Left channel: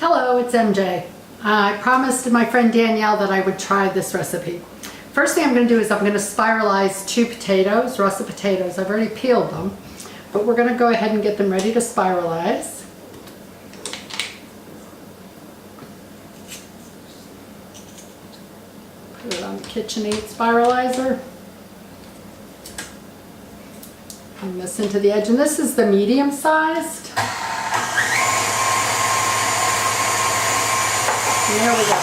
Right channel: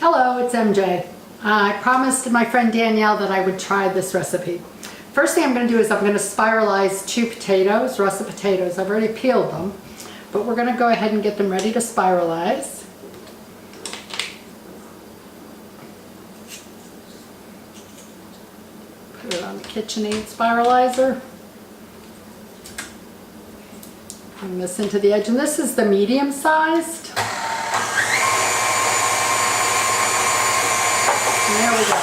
Hello, it's MJ. I promised my friend Danielle that I would try this recipe. First thing I'm going to do is I'm going to spiralize 2 potatoes, russet potatoes. I've already peeled them, but we're going to go ahead and get them ready to spiralize. Put it on the KitchenAid spiralizer. Bring this into the edge, and this is the medium sized. And there we go.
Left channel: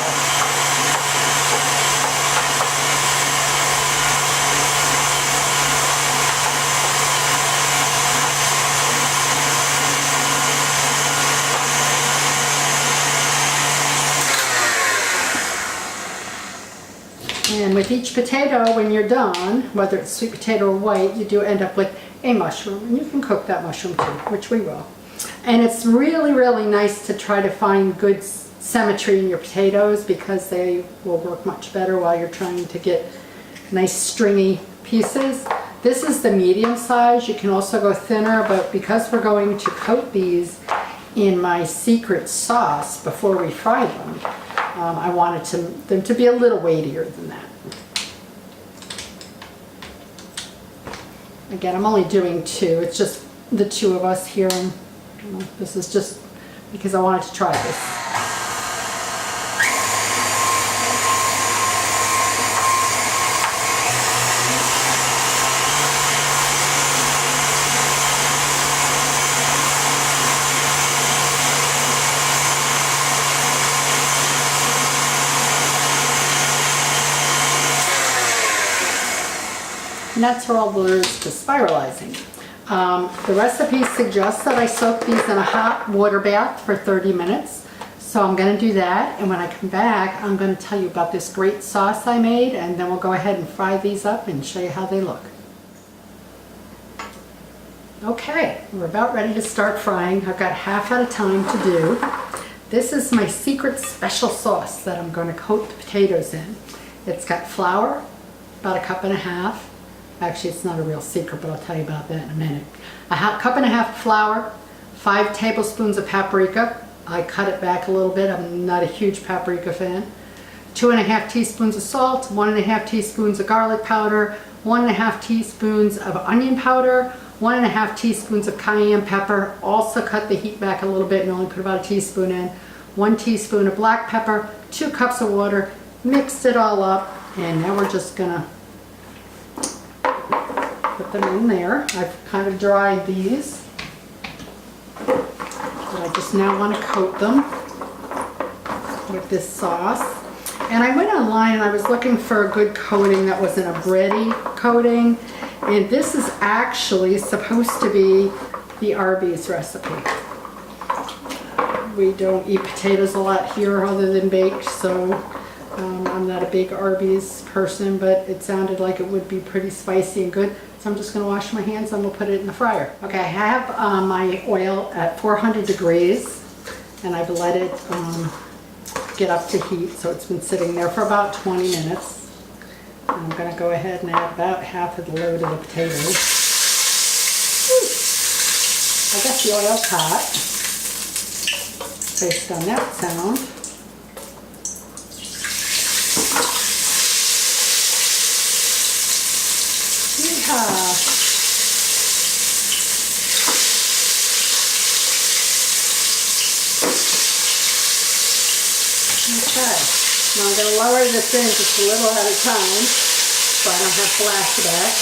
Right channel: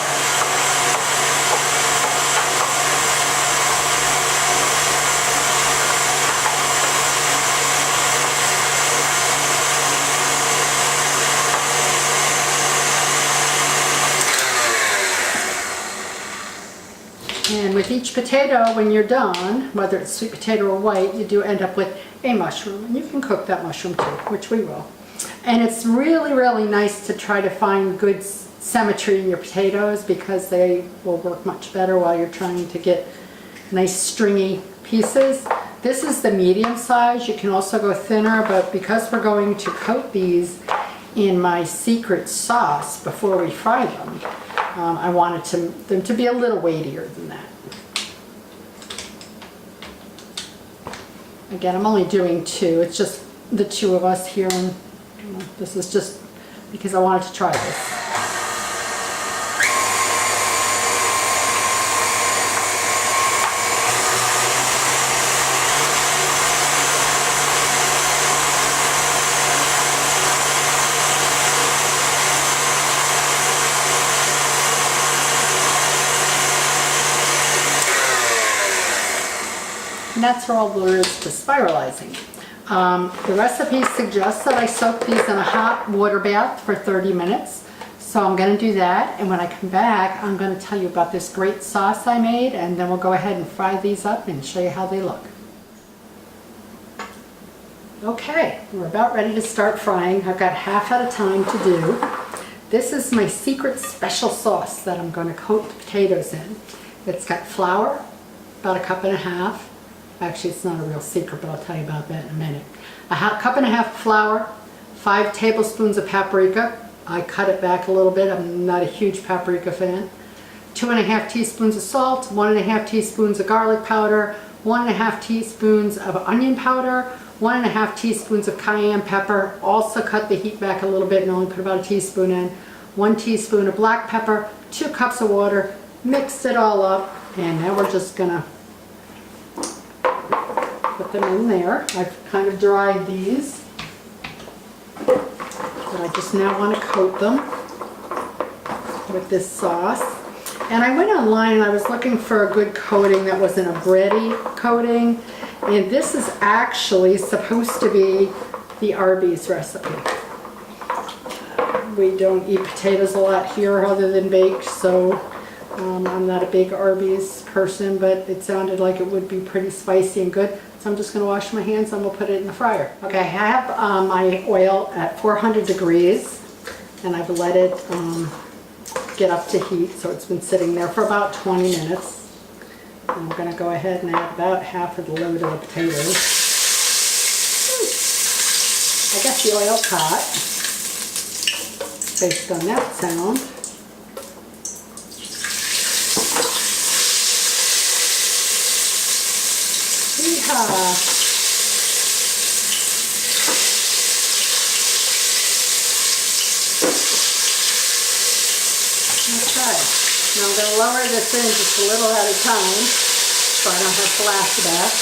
And with each potato, when you're done, whether it's sweet potato or white, you do end up with a mushroom. And you can cook that mushroom too, which we will. And it's really, really nice to try to find good symmetry in your potatoes because they will work much better while you're trying to get nice stringy pieces. This is the medium size. You can also go thinner, but because we're going to coat these in my secret sauce before we fry them, I wanted them to be a little weightier than that. Again, I'm only doing 2. It's just the 2 of us here, and this is just because I wanted to try this. And that's all there is to spiralizing. The recipe suggests that I soak these in a hot water bath for 30 minutes. So I'm going to do that, and when I come back, I'm going to tell you about this great sauce I made, and then we'll go ahead and fry these up and show you how they look. Okay, we're about ready to start frying. I've got half at a time to do. This is my secret special sauce that I'm going to coat the potatoes in. It's got flour, about 1.5 cups. Actually, it's not a real secret, but I'll tell you about that in a minute. 1.5 cups of flour, 5 tablespoons of paprika. I cut it back a little bit. I'm not a huge paprika fan. 2.5 teaspoons of salt, 1.5 teaspoons of garlic powder, 1.5 teaspoons of onion powder, 1.5 teaspoons of cayenne pepper. Also cut the heat back a little bit and only put about a teaspoon in. 1 teaspoon of black pepper, 2 cups of water. Mix it all up, and now we're just gonna put them in there. I've kind of dried these, but I just now want to coat them with this sauce. And I went online and I was looking for a good coating that wasn't a bready coating, and this is actually supposed to be the Arby's recipe. We don't eat potatoes a lot here other than baked, so I'm not a big Arby's person, but it sounded like it would be pretty spicy and good. So I'm just going to wash my hands and we'll put it in the fryer. Okay, I have my oil at 400 degrees, and I've let it get up to heat, so it's been sitting there for about 20 minutes. And I'm going to go ahead and add about half of the load of the potatoes. I got the oil hot based on that sound. Okay, now I'm going to lower this in just a little at a time so I don't have flashback.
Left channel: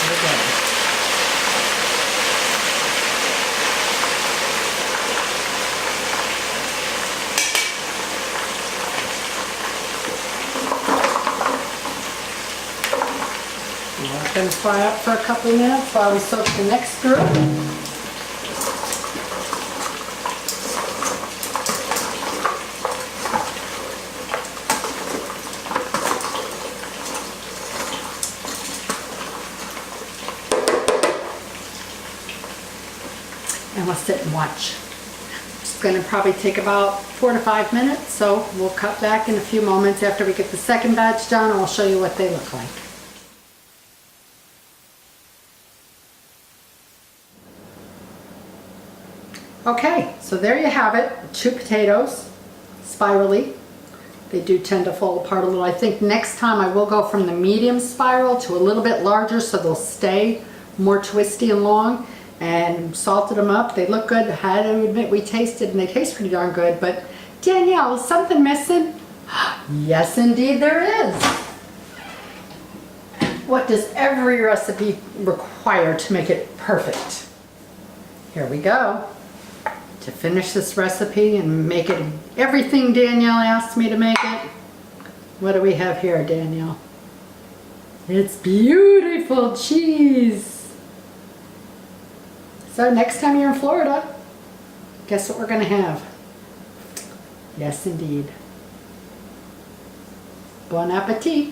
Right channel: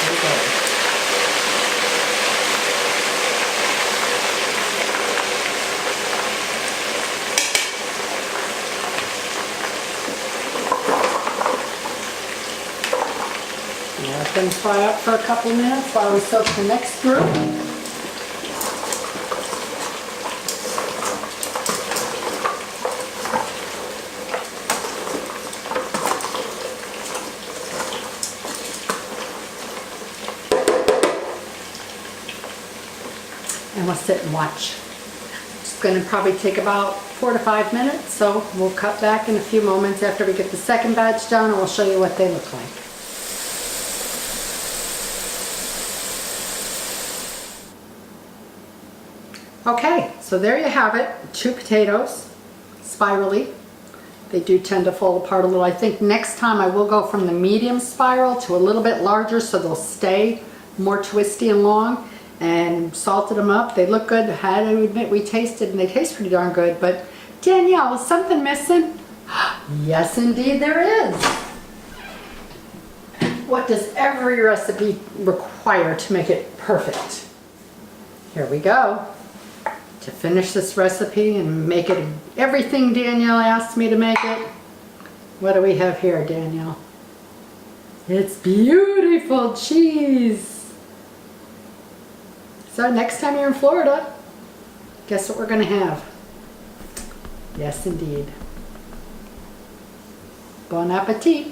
There we go. It's going to fry up for a couple of minutes while we soak the next group. And we'll sit and watch. It's going to probably take about 4 to 5 minutes, so we'll cut back in a few moments after we get the second batch done, and I'll show you what they look like. Okay, so there you have it. 2 potatoes, spirally. They do tend to fall apart a little. I think next time I will go from the medium spiral to a little bit larger so they'll stay more twisty and long. And salted them up. They look good. I had to admit we tasted and they taste pretty darn good. But Danielle, is something missing? Yes, indeed there is. What does every recipe require to make it perfect? Here we go. To finish this recipe and make it everything Danielle asked me to make it. What do we have here, Danielle? It's beautiful cheese. So next time you're in Florida, guess what we're going to have? Yes, indeed. Bon appetit.